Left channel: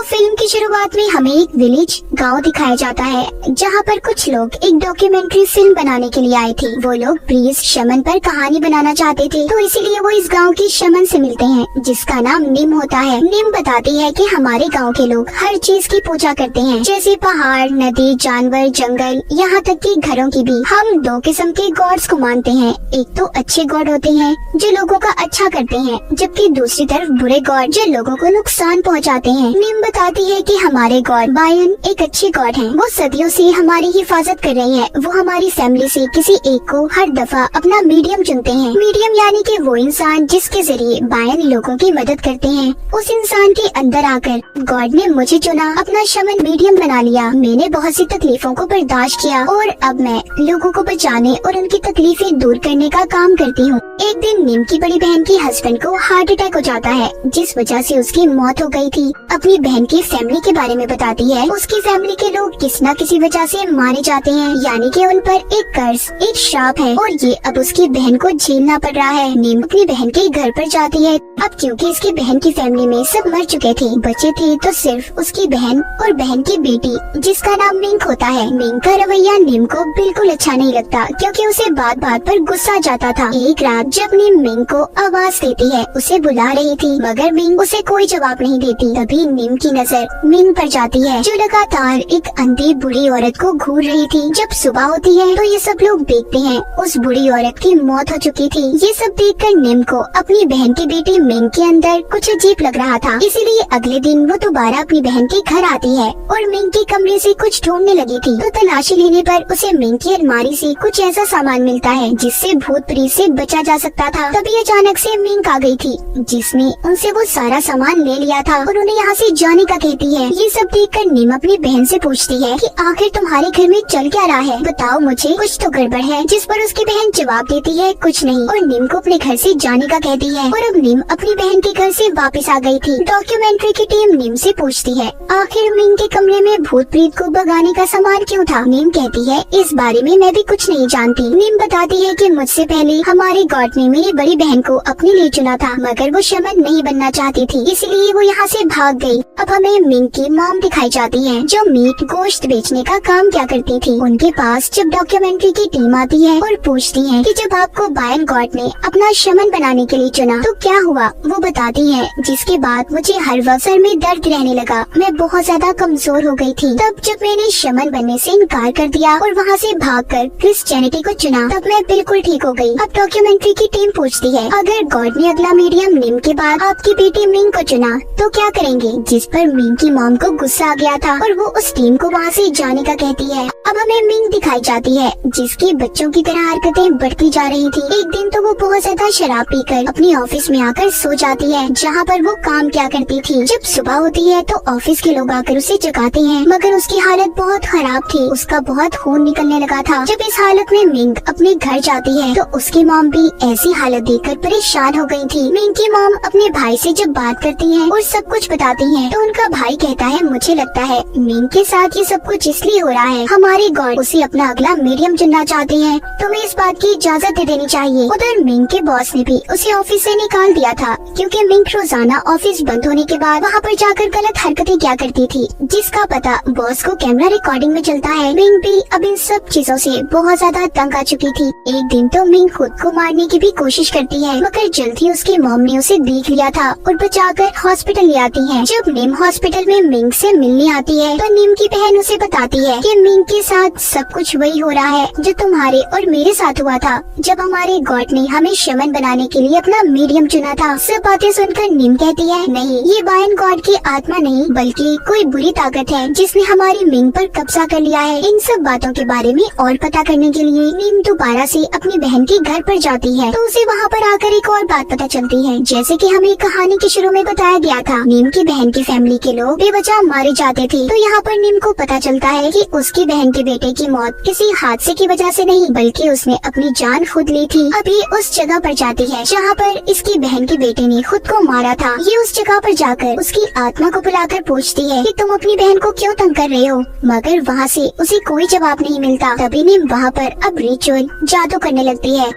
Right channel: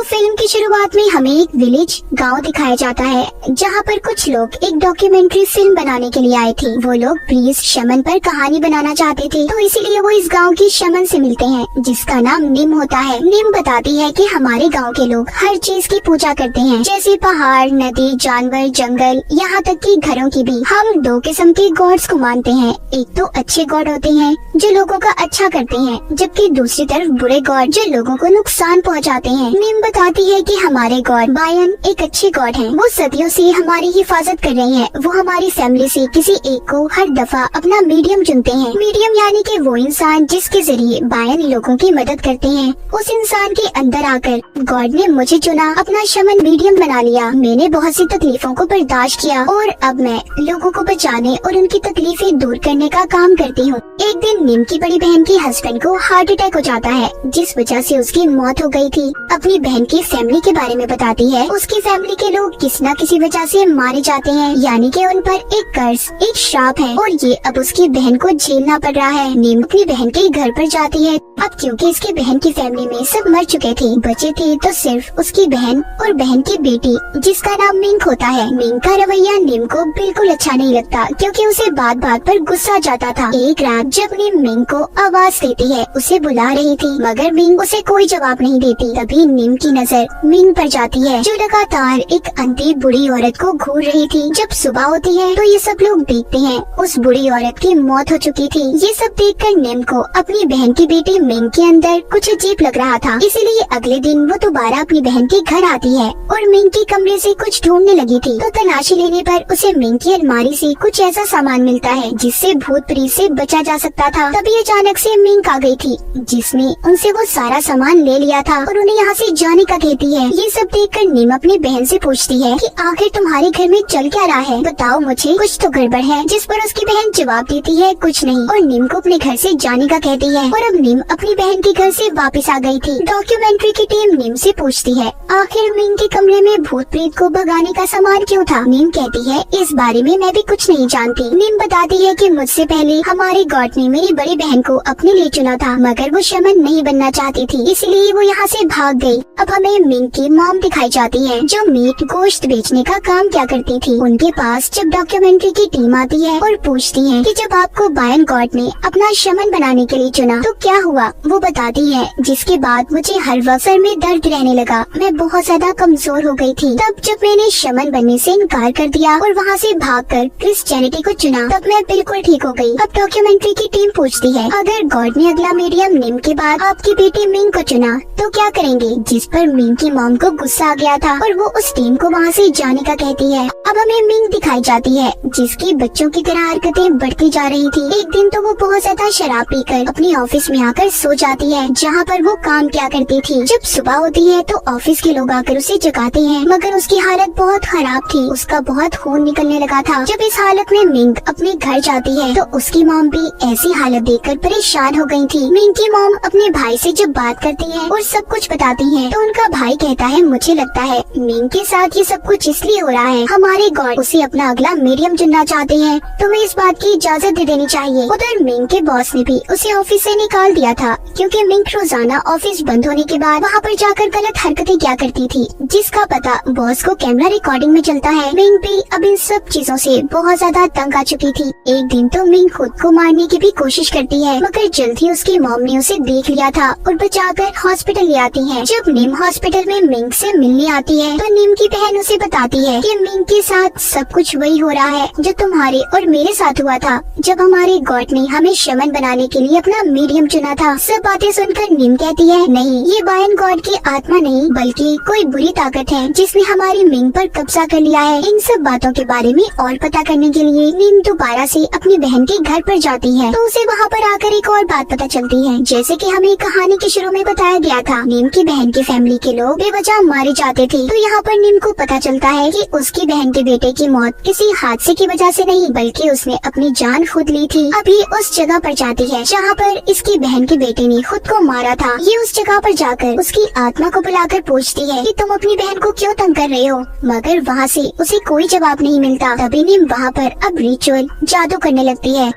तो फिल्म की शुरुआत में हमें एक विलेज गांव दिखाया जाता है, जहां पर कुछ लोग एक डॉक्यूमेंट्री फिल्म बनाने के लिए आए थे। वो लोग प्रिंस शमन पर कहानी बनाना चाहते थे, तो इसीलिए वो इस गांव की शमन से मिलते हैं, जिसका नाम निम होता है। निम बताती है कि हमारे गांव के लोग हर चीज की पूजा करते हैं, जैसे पहाड़, नदी, जानवर, जंगल, यहाँ तक कि घरों की भी। हम दो किस्म के गॉड्स को मानते हैं। एक तो अच्छे गॉड होते हैं जो लोगों का अच्छा करते हैं, जबकि दूसरी तरफ बुरे गॉड जो लोगों को नुकसान पहुँचाते हैं। निम बताती है कि हमारे गॉड बायन एक अच्छे गॉड हैं। वो सदियों से हमारी हिफाजत कर रहे हैं। वो हमारी फैमिली से किसी एक को हर दफा अपना मीडियम चुनते हैं। मीडियम यानी कि वो इंसान जिसके जरिए बायन लोगों की मदद करते हैं। उस इंसान के अंदर आकर गॉड ने मुझे चुना, अपना शमन मीडियम बना लिया। मैंने बहुत सी तकलीफों को बर्दाश्त किया और अब मैं लोगों को बचाने और उनकी तकलीफें दूर करने का काम करती हूँ। एक दिन निम की बड़ी बहन के हस्बैंड को हार्ट अटैक हो जाता है, जिस वजह से उसकी मौत हो गई थी। अपनी बहन की फैमिली के बारे में बताती है। उसकी फैमिली के लोग किसी न किसी वजह से मारे जाते हैं, यानी कि उन पर एक कर्ज, एक श्राप है और ये अब उसकी बहन को झेलना पड़ रहा है। निम अपनी बहन के घर पर जाती है। अब क्योंकि इसकी बहन की फैमिली में सब मर चुके थे, बचे थे तो सिर्फ उसकी बहन और बहन की बेटी, जिसका नाम मिंक होता है। मिंक का रवैया निम को बिल्कुल अच्छा नहीं लगता, क्योंकि उसे बात बात पर गुस्सा जाता था। एक रात जब निम मिंक को आवाज देती है, उसे बुला रही थी, मगर मिंक उसे कोई जवाब नहीं देती। तभी निम की नजर मिंक पर जाती है, जो लगातार एक अंधी बुरी औरत को घूर रही थी। जब सुबह होती है तो ये सब लोग देखते हैं उस बुरी औरत की मौत हो चुकी थी। ये सब देखकर निम को अपनी बहन की बेटी मिंक के अंदर कुछ अजीब लग रहा था, इसीलिए अगले दिन वो दोबारा अपनी बहन के घर आती है और मिंक के कमरे से कुछ ढूंढने लगी थी। तो तलाशी लेने पर उसे मिंक की अलमारी से कुछ ऐसा सामान मिलता है जिससे भूत प्रेत से बचा जा सकता था। तभी अचानक से मिंक आ गई थी, जिसने उनसे वो सारा सामान ले लिया था और उन्हें यहाँ से जाने का कहती है। ये सब देखकर निम अपनी बहन से पूछती है कि आखिर तुम्हारे घर में चल क्या रहा है, बताओ मुझे, कुछ तो गड़बड़ है। जिस पर उसकी बहन जवाब देती है कुछ नहीं, और निम को अपने घर से जाने का कहती है। और अब निम अपनी बहन के घर से वापस आ गई थी। डॉक्यूमेंट्री की टीम निम से पूछती है आखिर मिंक के कमरे में भूत प्रेत को भगाने का सामान क्यों था। निम कहती है इस बारे में मैं भी कुछ नहीं जानती। निम बताती है कि मुझसे पहले हमारे गॉड ने मेरी बड़ी बहन को अपने लिए चुना था, मगर वो शमन नहीं बनना चाहती थी, इसलिए वो यहाँ से भाग गई। अब हमें मिंक की मॉम दिखाई जाती है, जो मीट गोश्त बेचने का काम क्या करती थी। उनके पास जब डॉक्यूमेंट्री की टीम आती है और पूछती है कि जब आपको बायन गॉड ने अपना शमन बनाने के लिए चुना तो क्या हुआ, वो बताती है जिसके बाद मुझे हर वक्त सर में दर्द रहने लगा, मैं बहुत ज्यादा कमजोर हो गई थी। तब जब मैंने शमन बनने से इनकार कर दिया और वहाँ से भागकर क्रिश्चियनिटी को चुना, तब मैं बिल्कुल ठीक हो गई। अब डॉक्यूमेंट्री की टीम पूछती है अगर गॉड ने अगला मीडियम निम के बाद आपकी बेटी मिंक को चुना तो क्या करेंगे, जिस पर मिंक की मॉम को गुस्सा आ गया था और वो उस टीम को वहाँ से जाने का कहती है। अब हमें मिंक दिखाई जाती है, जिसकी बच्चों की तरह हरकतें बढ़ती जा रही थी। एक दिन तो वो बहुत ज्यादा शराब पीकर अपनी ऑफिस में आकर सो जाती है, जहाँ पर वो काम क्या करती थी। जब सुबह होती है तो ऑफिस के लोग आकर उसे जगाते हैं, मगर उसकी हालत बहुत खराब थी, उसका बहुत खून निकलने लगा था। जब इस हालत में मिंक अपने घर जाती है तो उसकी मॉम भी ऐसी हालत देखकर परेशान हो गई थी। मिंक की मॉम अपने भाई से जब बात करती है और सब कुछ बताती है, तो उनका भाई कहता है मुझे लगता है मिंक के साथ ये सब कुछ इसलिए हो रहा है, हमारे गॉड उसे अपना अगला मीडियम चुनना चाहते हैं, तुम्हें इस बात की इजाजत दे देनी चाहिए। उधर मिंक के बॉस ने भी उसे ऑफिस से निकाल दिया था, क्योंकि मिंक रोजाना ऑफिस बंद होने के बाद वहाँ पर जाकर गलत हरकतें क्या करती थी, जिसका पता बॉस को कैमरा रिकॉर्डिंग में चलता है। मिंक भी अब इन सब चीजों से बहुत ज्यादा तंग आ चुकी थी। एक दिन तो मिंक खुद को मारने की भी कोशिश करती है, मगर जल्द ही उसकी मॉम ने उसे देख लिया था और बचाकर हॉस्पिटल ले आती है। जब निम हॉस्पिटल में मिंक से मिलने आती है तो निम की बहन उसे बताती है कि मिंक के साथ सब कुछ वही हो रहा है जो तुम्हारे और मेरे साथ हुआ था, जब हमारे गॉड ने हमें शमन बनाने के लिए अपना मीडियम चुना था। सब बातें सुनकर निम कहती है नहीं, ये बायन गॉड की आत्मा नहीं बल्कि कोई बुरी ताकत है जिसने हमारी मिंक पर कब्जा कर लिया है। इन सब बातों के बारे में और पता करने के लिए निम दोबारा से अपनी बहन के घर पर जाती है, तो उसे वहाँ पर आकर एक और बात पता चलती है। जैसे कि हमें कहानी के शुरू में बताया गया था, निम की बहन की फैमिली के लोग बेवजह मारे जाते थे, तो यहाँ पर निम को पता चलता है कि उसकी बहन के बेटे की मौत किसी हादसे की वजह से नहीं, बल्कि उसने अपनी जान खुद ली थी। अभी उस जगह पर जाती है जहाँ पर इसकी बहन के बेटे ने खुद को मारा था। ये उस जगह पर जाकर उसकी आत्मा को बुलाकर पूछती है कि तुम अपनी बहन को क्यों तंग कर रहे हो, मगर वहाँ से उसे कोई जवाब नहीं मिलता। तभी निम वहाँ पर अब रिचुअल जादू करने लगती है।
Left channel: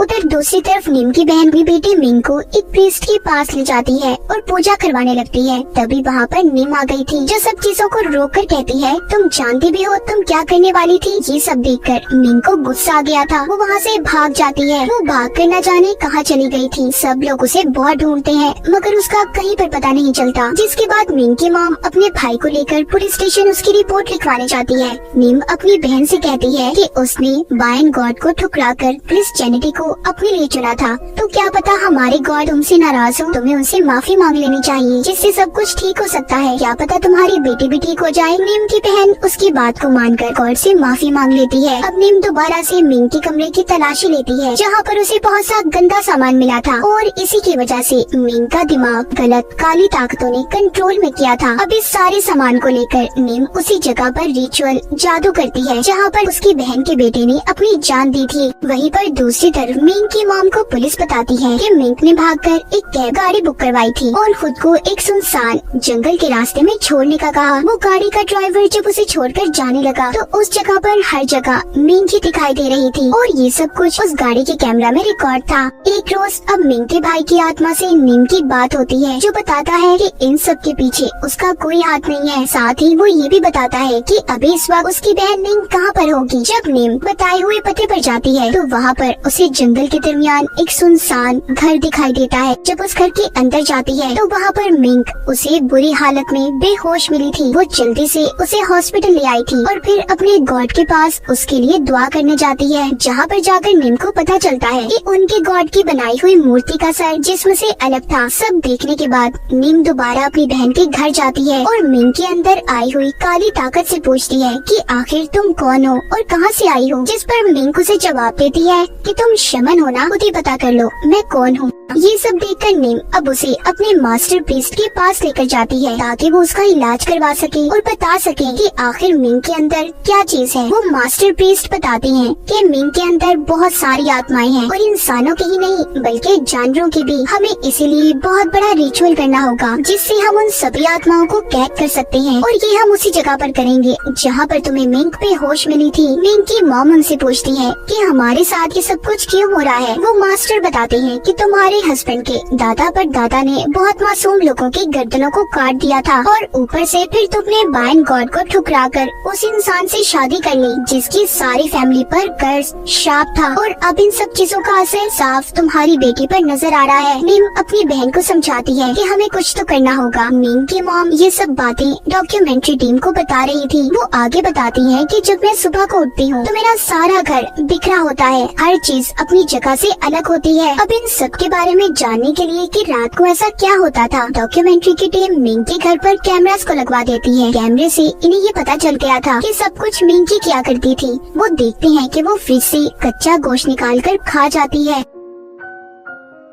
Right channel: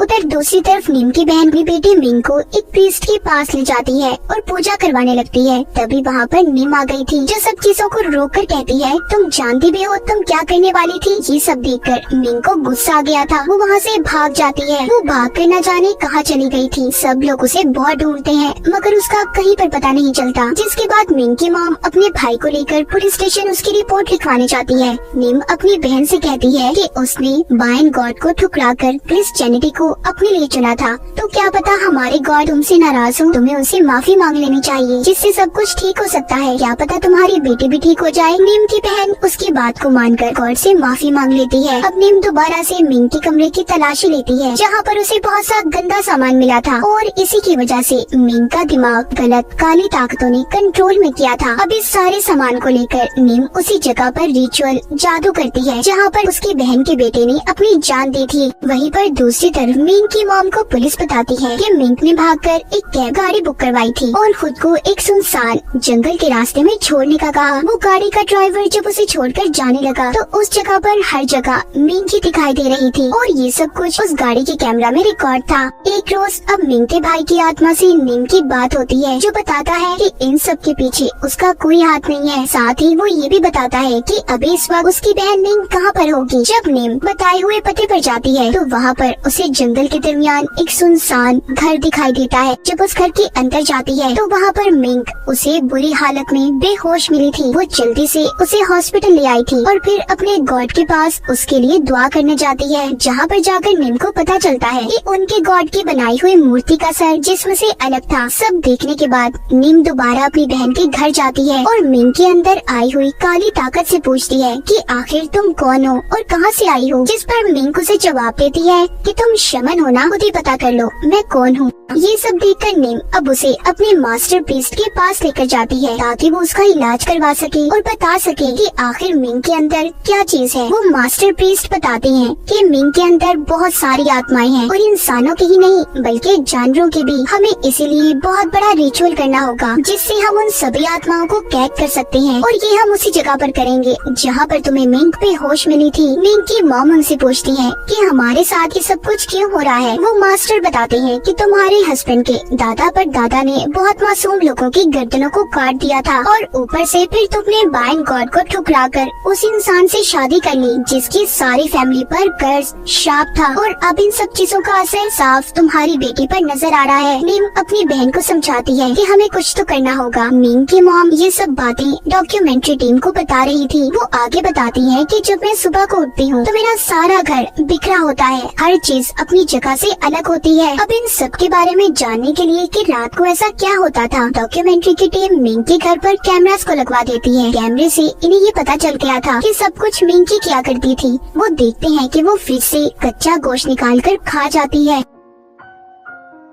उधर दूसरी तरफ नीम की बहन अपनी बेटी मिंग को एक प्रीस्ट के पास ले जाती है और पूजा करवाने लगती है। तभी वहाँ पर नीम आ गई थी जो सब चीजों को रोक कर कहती है, तुम जानती भी हो तुम क्या करने वाली थी। ये सब देखकर मिंग को गुस्सा आ गया था। वो वहाँ से भाग जाती है। वो भाग कर न जाने कहाँ चली गई थी। सब लोग उसे बहुत ढूंढते हैं मगर उसका कहीं पर पता नहीं चलता। जिसके बाद मिंग की मॉम अपने भाई को लेकर पुलिस स्टेशन उसकी रिपोर्ट लिखवाने जाती है। नीम अपनी बहन से कहती है कि उसने बायन गॉड को ठुकराकर क्रिश्चियनिटी को अपने लिए चुना था। तो क्या पता हमारे गॉड तुमसे नाराज हो, तुम्हें उनसे माफी मांग लेनी चाहिए जिससे सब कुछ ठीक हो सकता है। क्या पता तुम्हारी बेटी भी ठीक हो जाए। नीम की बहन उसकी बात को मानकर गॉड से माफी मांग लेती है। अब नीम दोबारा से मिंग के कमरे की तलाशी लेती है जहाँ पर उसे बहुत सा गंदा सामान मिला था और इसी की वजह से मिंग का दिमाग गलत काली ताकतों ने कंट्रोल में किया था। अब इस सारे सामान को लेकर नीम उसी जगह पर रिचुअल जादू करती है जहाँ पर उसकी बहन के बेटे ने अपनी जान दी थी। वहीं पर दूसरी तरफ मिंग की मॉम को पुलिस बताती है कि मिंग ने भागकर एक कैब गाड़ी बुक करवाई थी और खुद को एक सुनसान जंगल के रास्ते में छोड़ने का कहा। वो गाड़ी का ड्राइवर जब उसे छोड़कर जाने लगा तो उस जगह पर हर जगह मिंग ही दिखाई दे रही थी और ये सब कुछ उस गाड़ी के कैमरा में रिकॉर्ड था। एक रोज अब मिंग के भाई की आत्मा से नीम की बात होती है जो बताता है कि इन सब के पीछे उसका कोई हाथ नहीं है। साथ ही वो ये भी बताता है कि अभी इस वक्त उसकी बहन मिंग कहाँ पर होगी। जब नीम बताए हुए पते पर जाती है तो वहाँ पर उसे जंगल के दरमियान एक सुनसान घर दिखाई देता है। जब उस घर के अंदर जाती है तो वहाँ पर मिंग उसे बुरी हालत में बेहोश मिली थी। वो जल्दी से उसे हॉस्पिटल ले आई थी और फिर अपने गॉड के पास उसके लिए दुआ करने जाती है। जहाँ पर जाकर मिंग को पता चलता है कि उनके गॉड की बनाई हुई मूर्ति का सर जिस्म से अलग था। सब देखने के बाद नीम दोबारा अपनी बहन के घर जाती है और मिंग के अंदर आई हुई काली ताकत से पूछती है कि आखिर तुम कौन हो और कहाँ से आई हो। जिस पर मिंग उसे जवाब देती है कि तुम शमन हो ना, खुद ही पता कर लो मैं कौन हूँ। ये सब देखकर नीम अब उसे अपने मास्टर प्रीस्ट के पास लेकर जाती है ताकि वो उसका इलाज करवा सके और बता सके कि आखिर मिंग के अंदर क्या चीज है। वो मास्टर प्रीस्ट बताते हैं कि मिंग के अंदर बहुत सारी आत्माएं हैं और इंसानों की ही नहीं बल्कि जानवरों की भी। हमें इसीलिए बहुत बड़ा रिचुअल करना होगा जिससे हम उन सभी आत्माओं को कैद कर सकते हैं और ये हम उसी जगह पर करेंगे जहाँ पर तुम्हें मिंग बेहोश मिली थी। मिंग की मॉम उनसे पूछती है कि हमारे साथ ये सब कुछ क्यों हो रहा है। वो मास्टर बताते हैं कि तुम्हारे हस्बैंड के दादा पर दादा ने बहुत मासूम लोगों की गर्दनों को काट दिया था और ऊपर से फिर तुमने बायन गॉड को ठुकराकर उस इंसान से शादी कर ली जिसकी सारी फैमिली पर कर्ज श्राप था और अब इन सब चीजों का असर साफ तुम्हारी बेटी पर नजर आ रहा है। नीम अपनी बहन को समझाती है कि हमें कुछ तो करना होगा। मिंग की मॉम ये सब बातें डॉक्यूमेंट्री टीम को बता रही थी। वो आगे बताती है कि जब मैं सुबह को उठती हूँ तो मेरा सारा घर बिखरा होता है, हर चीज अपनी जगह से अलग होती है। अब इन सब के बारे में जानने के लिए कि रात को ऐसा क्या होता था, डॉक्यूमेंट्री की टीम मिंग के घर पर कैमरास को लगवा देती है। कैमरे से इन्हें ये पता चल गया था कि सब कुछ मिंग ही किया करती थी। वो देखते हैं कि वो फ्रिज से कच्चा गोश्त निकाल कर खा जाती है।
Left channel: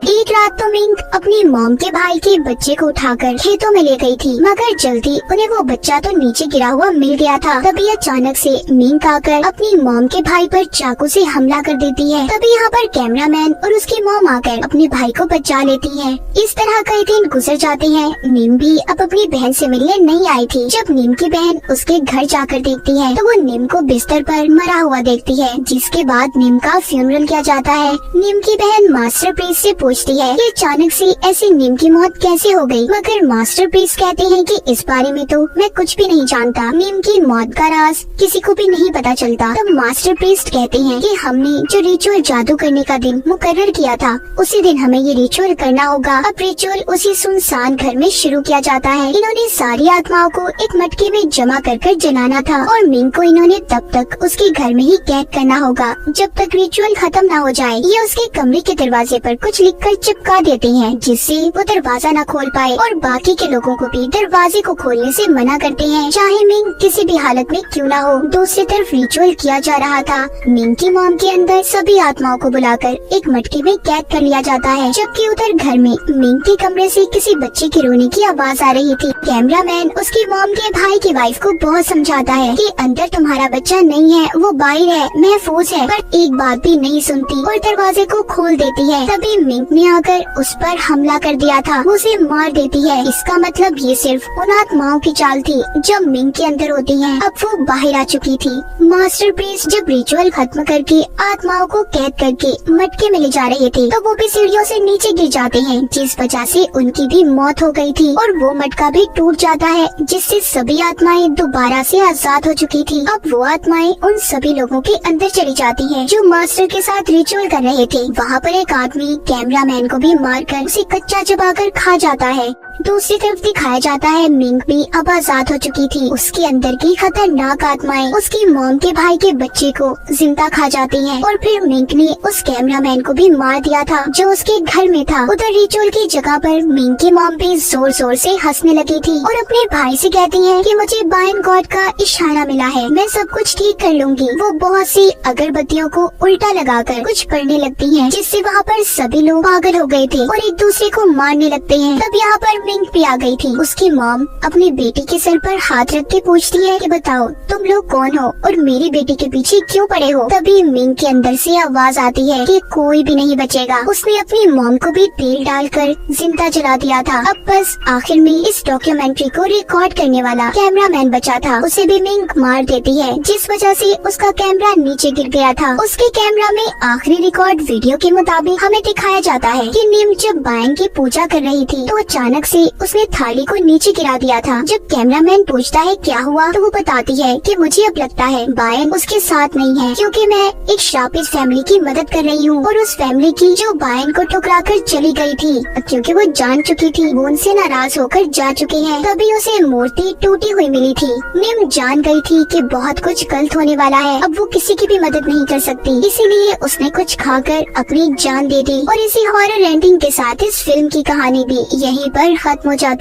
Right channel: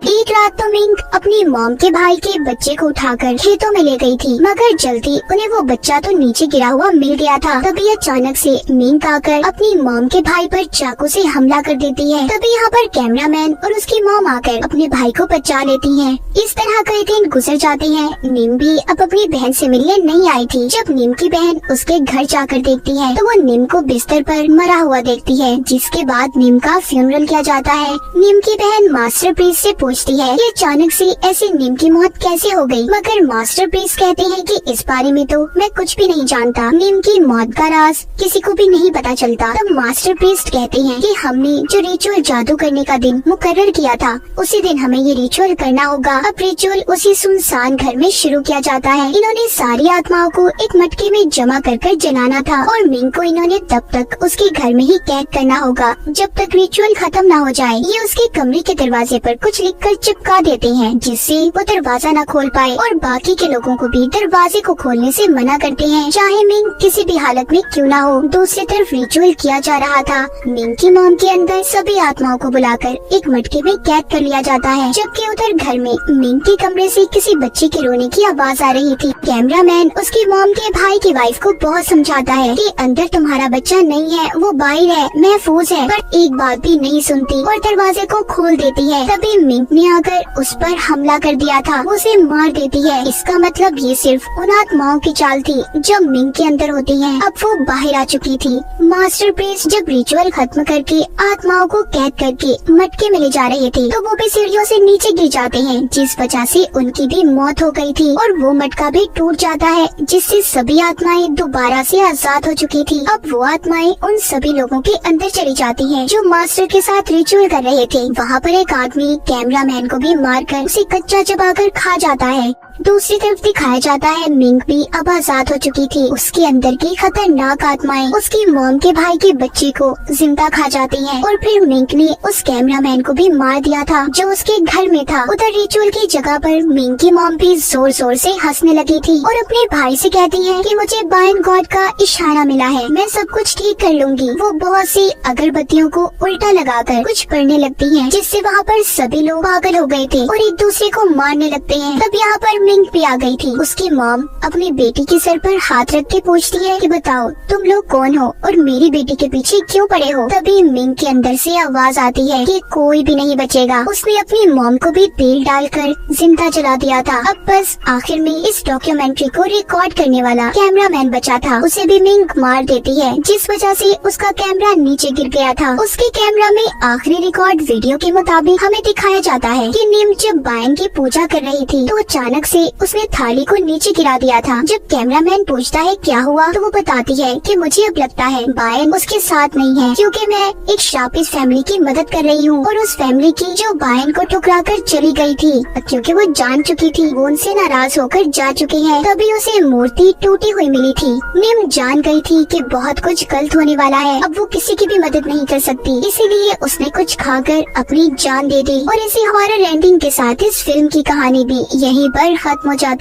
एक रात तो मिंग अपनी मॉम के भाई के बच्चे को उठाकर खेतों में ले गई थी मगर जल्दी उन्हें वो बच्चा तो नीचे गिरा हुआ मिल गया था। तभी अचानक से मिंग आकर अपनी मॉम के भाई पर चाकू से हमला कर देती है। तभी यहाँ पर कैमरामैन और उसकी मॉम आकर अपने भाई को बचा लेती है। इस तरह कई दिन गुजर जाते हैं। नीम भी अब अपनी बहन से मिलने नहीं आई थी। जब नीम की बहन उसके घर जाकर देखती है तो वो नीम को बिस्तर पर मरा हुआ देखती है। जिसके बाद नीम का फ्यूनरल किया जाता है। नीम की बहन मास्टर प्रीस्ट से पूछती है कि अचानक से ऐसी नीम की मौत कैसे हो गई, मगर मास्टर प्रीस्ट कहते हैं कि इस बारे में तो मैं कुछ भी नहीं जानता। नीम की मौत का राज किसी को भी नहीं पता चलता। तब मास्टर प्रीस्ट कहते हैं कि हमने जो रिचुअल जादू करने का दिन मुकर्रर किया था उसी दिन हमें ये रिचुअल करना होगा। अब रिचुअल उसी सुनसान घर में शुरू किया जाता है। इन्होंने सारी आत्माओं को एक मटके में जमा कर जलाना था और मिंग को इन्होंने तब तक उसके घर में ही कैद करना होगा जब तक रिचुअल खत्म ना हो जाए। ये उसके कमरे के दरवाजे पर कुछ लिखकर चिपका देते हैं जिससे वो दरवाजा न खोल पाए और बाकी के लोगों को भी दरवाजे को खोलने से मना करते हैं, चाहे मिंग किसी भी हालत में क्यों ना हो। दूसरी तरफ रिचुअल किया जा रहा था। मिंग की मॉम के अंदर सभी आत्माओं को बुलाकर एक मटके में कैद कर लिया जाता है, जबकि उधर घर में मिंग के कमरे से किसी बच्चे के रोने की आवाज आ रही थी। कैमरामैन उसकी मॉम के भाई की वाइफ को बहुत समझाता है कि अंदर तुम्हारा बच्चा नहीं है, वो बाहर है, महफूज है, पर एक बात भी नहीं सुनती और दरवाजे को खोल देती है। तभी मिंग ने आकर आकर उस पर हमला कर दिया था, वो उसे मार देती है। इसका मतलब ये सिर्फ उन आत्माओं की चाल थी जो मिंग के अंदर होती हैं। अब वो बाहर आ चुकी थी। मास्टर प्रीस्ट जब रिचुअल खत्म करके आत्माओं को कैद करके मटके में ले जा रहे थे तो वो भी सीढ़ियों से नीचे गिर जाते हैं, जिस वजह से उनकी भी मौत हो गई थी और वो मटका भी टूट जाता है, जिससे सभी आत्माएं दोबारा से आजाद हो चुकी थी। अब वो आत्माएं उन सभी लोगों के अंदर चली जाती हैं जो मास्टर के साथ रिचुअल कर रहे थे। वहाँ पर एक आदमी कैमरामैन को भी मारकर उसे कच्चा चबाकर खा जाता है। दूसरी तरफ दिखाया जाता है मिंग भी अब आजाद हो चुकी थी। उसके अंदर की खतरनाक आत्माएं उसकी मॉम के भाई के बच्चे को जिंदा खा जाती हैं और फिर मिंग ने उस कैमरामैन को भी मार दिया था जो उसके घर में था। उधर रिचुअल की जगह पर मिंग की मॉम भी जोर जोर से हंसने लगी थी और अपने भाई से कहती है कि मुझे बाइन गॉड का इशारा मिला है, मैं सब कुछ ठीक कर लूंगी। वो बहुत सी अगरबत्तियों को उल्टा लगाकर कुछ पढ़ने लगती है, जिससे वहाँ पर सभी लोग पागल हो गए थे और एक दूसरे को मारने लगते हैं। तब यहाँ पर मिंग भी आ गई थी। उसकी मॉम अपनी बेटी के सर पर हाथ रख के पूछती है कि बताओ तुम लोग कौन हो और मेरी बेटी के पीछे क्यों पड़े हो। तभी मिंग के अंदर से आवाज आती है कि कोई भी नहीं बचेगा। उसने अपनी मॉम को भी तेल डालकर जिंदा जला दिया था। अब बस आखिर में इस डॉक्यूमेंट्री को रिकॉर्ड करने वाला कैमरामैन बचा था, उसे भी मिंग मार देती है, जिस वजह से उसका कैमरा नीचे गिर गया था। उसके कैमरा में आखिरी रिकॉर्ड वीडियो के मुताबिक हमें दिखाया जाता है कि निम जब बायन की पूजा कर रही थी तो अचानक से उसने थाली को नीचे गिरा दिया था। जब कैमरामैन पूछता है क्या हुआ तो वो बताती है कि मुझे अब लगता है बायन उसके साथ नहीं है, क्योंकि मैं एक शापिस फैमिली की मदद कर रही हूँ और उस फैमिली की जो बायन को ठुकराकर चली गई थी, क्योंकि वो जान चुकी थी वो उनसे नाराज होकर जा चुके हैं। तभी उसे मूर्ति टूटी हुई मिली थी। निम जान गई थी कि बहुत कुछ गलत होने वाला है, अब वो किसी की भी मदद नहीं कर सकती, इसीलिए उसने कुछ खाकर अपनी जान दे दी। और इसी हॉरर एंडिंग के साथ इस फिल्म की कहानी भी यहीं पर खत्म हो जाती।